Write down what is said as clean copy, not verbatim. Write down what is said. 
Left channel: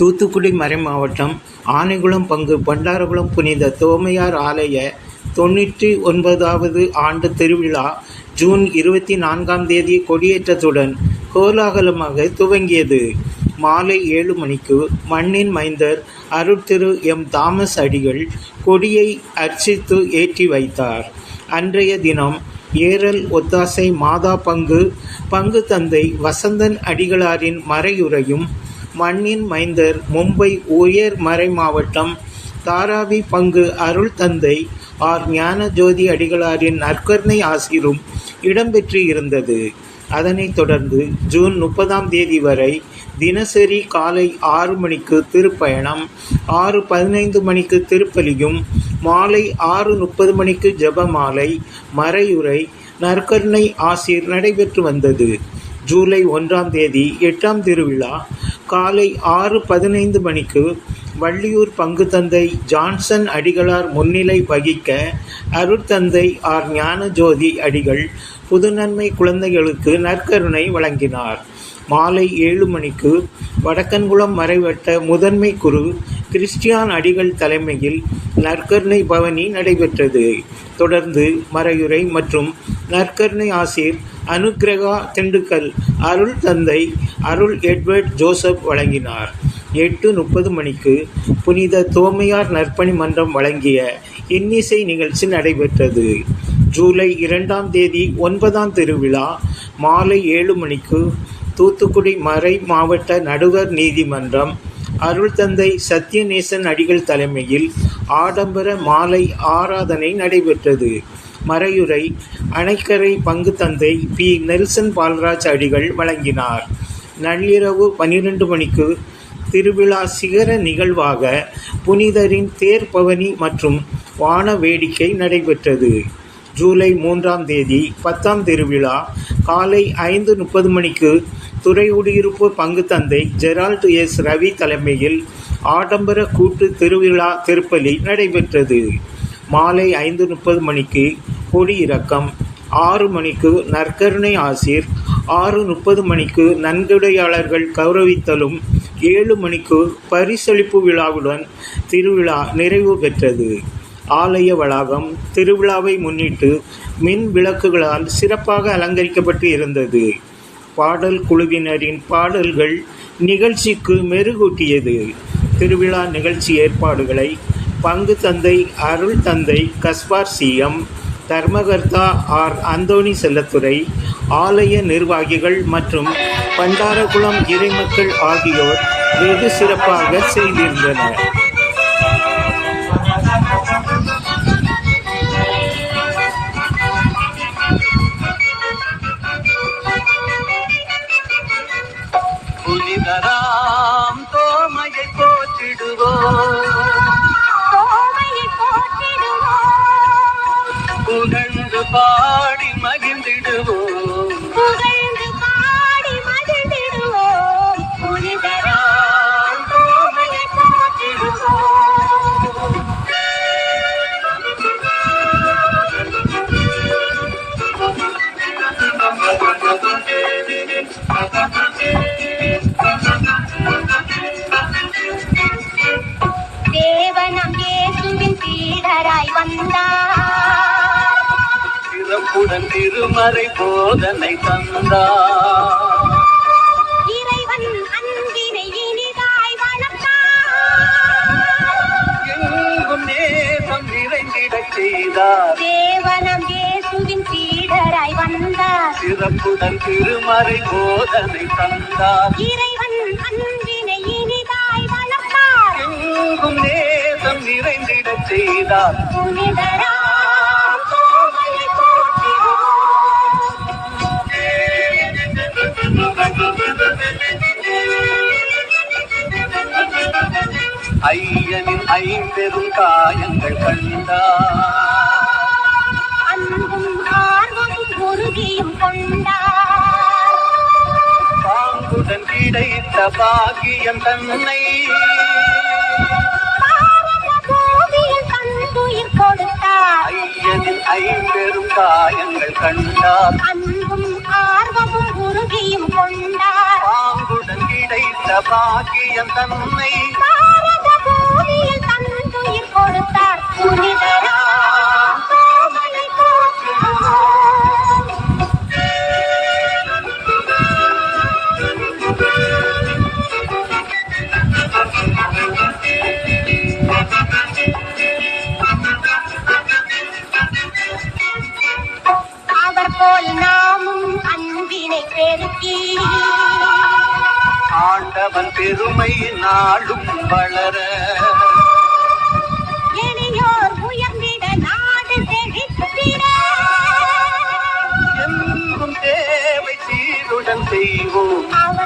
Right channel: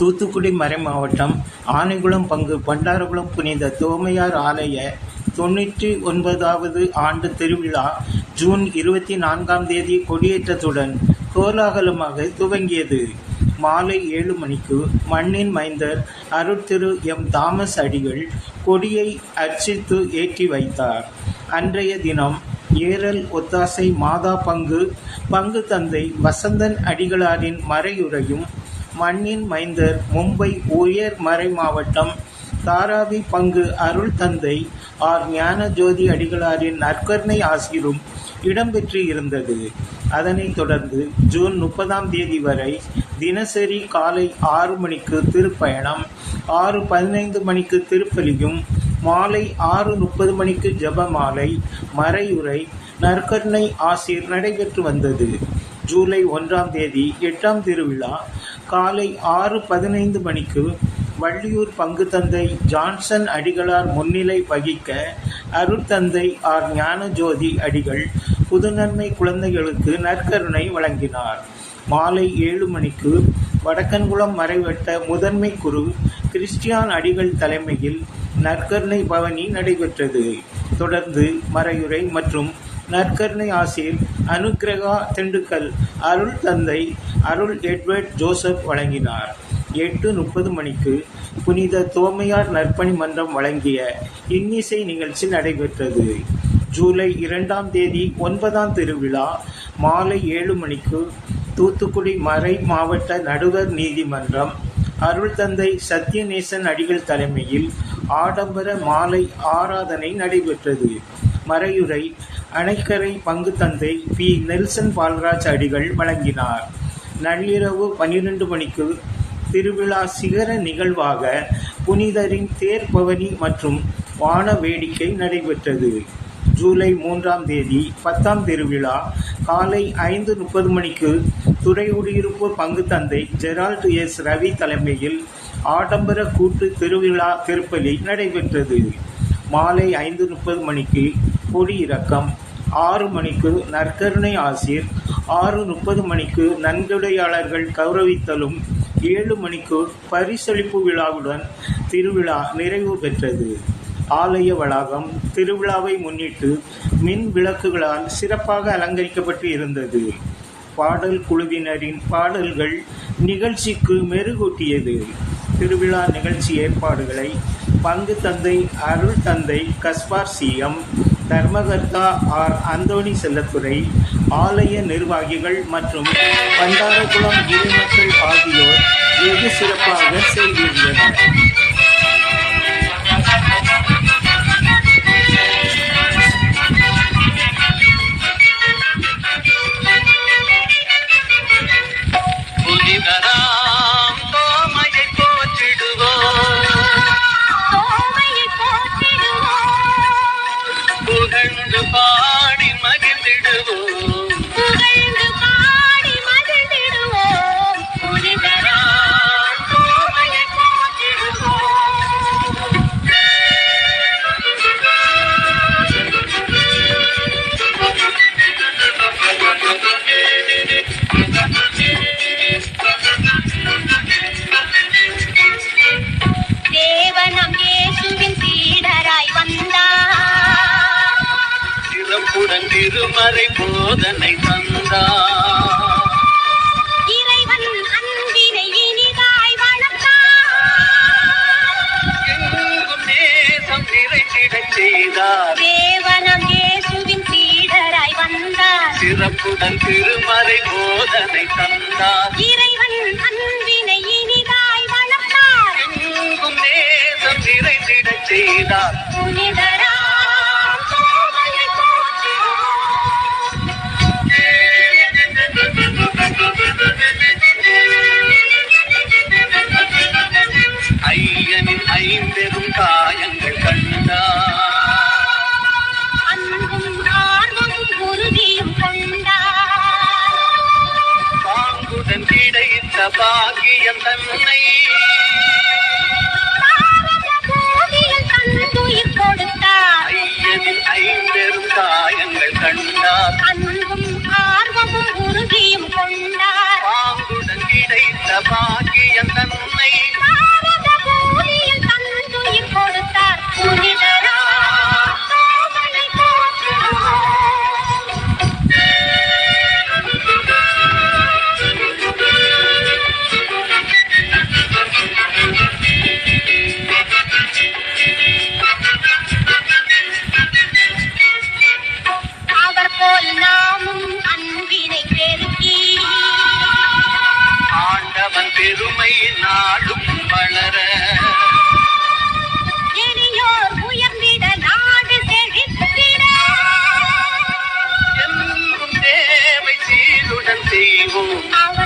தூத்துக்குடி மறைமாவட்டம் ஆனைகுளம் பங்கு பண்டாரகுளம் புனித தோமையார் ஆலய 99வது ஆண்டு திருவிழா ஜூன் 24 கொடியேற்றத்துடன் கோலாகலமாக துவங்கியது. மாலை 7 மணிக்கு மண்ணின் மைந்தர் அருட்திரு எம். தாமஸ் அடிகள் கொடியை அர்ச்சித்து ஏற்றி வைத்தார். அன்றைய தினம் ஏரல் ஒத்தாசை மாதா பங்கு தந்தை வசந்தன் அடிகளாரின் மறையுரையும், மண்ணின் மைந்தர் மும்பை உயர் மறை மாவட்டம் தாராவி பங்கு அருள் தந்தை ஆர். ஞானஜோதி அடிகளாரின் நற்கருணை ஆசிரும் இடம்பெற்று இருந்தது. அதனைத் தொடர்ந்து ஜூன் 30 வரை தினசரி காலை 6 மணிக்கு திருப்பயணம், 6:15 மணிக்கு திருப்பலியும், மாலை 6:30 மணிக்கு ஜெபமாலை, மறையுரை, நற்கருணை ஆசீர் நடைபெற்று வந்தது. ஜூலை 1 8ஆம் திருவிழா காலை 6:15 மணிக்கு வள்ளியூர் பங்கு தந்தை ஜான்சன் அடிகளார் முன்னிலை வகிக்க அருட்தந்தை ஆர். ஞானஜோதி அடிகள் புதுநன்மை குழந்தைகளுக்கு நற்கருணை வழங்கினார். மாலை 7 மணிக்கு வடக்கன்குளம் மறைவட்ட முதன்மை குரு கிறிஸ்டியான் அடிகள் தலைமையில் நற்கருணை பவனி நடைபெற்றது. தொடர்ந்து மறையுரை மற்றும் நற்கருணை ஆசீர் அனுக்கிரகா திண்டுக்கல் அருள் தந்தை அருள் எட்வர்ட் ஜோசப் வழங்கினார். 8:30 மணிக்கு புனித தோமையார் நற்பணி மன்றம் வழங்கிய இன்னிசை நிகழ்ச்சி நடைபெற்றது. ஜூலை 2 9ஆம் திருவிழா மாலை 7 மணிக்கு தூத்துக்குடி மறை மாவட்ட நடுவர் நீதிமன்றம் அருள் தந்தை சத்யநேசன் அடிகள் தலைமையில் ஆடம்பர மாலை ஆராதனை நடைபெற்றது. மறையுரை அணைக்கரை பங்கு தந்தை பி. நெல்சன் பால்ராஜ் அடிகள் வழங்கினார். நள்ளிரவு 12 மணிக்கு திருவிழா சிகர நிகழ்வாக புனிதரின் தேர் பவனி மற்றும் வான வேடிக்கை நடைபெற்றது. ஜூலை 3 10ஆம் திருவிழா காலை 5:30 மணிக்கு துறையுடியிருப்பு பங்கு தந்தை ஜெரால்ட் எஸ். ரவி தலைமையில் ஆடம்பர கூட்டு திருவிழா திருப்பலி நடைபெற்றது. மாலை 5:30 மணிக்கு கொடியிறக்கம், 6 மணிக்கு நற்கருணை ஆசீர், 6:30 மணிக்கு நன்கொடையாளர்கள் கௌரவித்தலும், 7 மணிக்கு பரிசளிப்பு விழாவுடன் திருவிழா நிறைவு பெற்றது. ஆலய வளாகம் திருவிழாவை முன்னிட்டு மின் விளக்குகளால் சிறப்பாக அலங்கரிக்கப்பட்டு இருந்தது. பாடல் குழுவினரின் பாடல்கள் நிகழ்ச்சிக்கு மெருகூட்டியது. திருவிழா நிகழ்ச்சி ஏற்பாடுகளை பங்கு தந்தை அருள் தந்தை கஸ்பார் சி.எம்., தர்மகர்த்தா ஆர். அந்தோணி செல்லத்துரை, ஆலய நிர்வாகிகள் மற்றும் பண்டாரகுளம் இறைமக்கள் ஆகியோர் வெகு சிறப்பாக செய்திருந்தனர். பாடி மகிழ்ந்திடுவோம். திருமறை போதனை தந்தார். இறைவன் அன்பினை இனிதாய் வளர்த்தார். எங்கும் நேசம் நிறைந்திடச் செய்தார். தேவனம் இயேசுவின் சீடராய் வந்தார். சிறப்புடன் திருமறை போதனை தந்தார். இறைவன் அன்பினை இனிதாய் வளர்த்தார். எங்கும் நேசம் நிறைந்திடச் செய்தார். ஐயனின் ஐம்பெரும் காயங்கள் கண்டார். பாங்குடன் கிடைத்த பாக்கியம் தன்னை ஐயனின் ஐம்பெரும் காயங்கள் கண்டார். பாங்குடன் கிடைத்த பாக்கியம் தன்னை பெருமை நாடும் வளர எளியோர் உயர்ந்திட நாடு செழித்திட எங்கும் தேவை சீருடன் செய்வோம் அவர்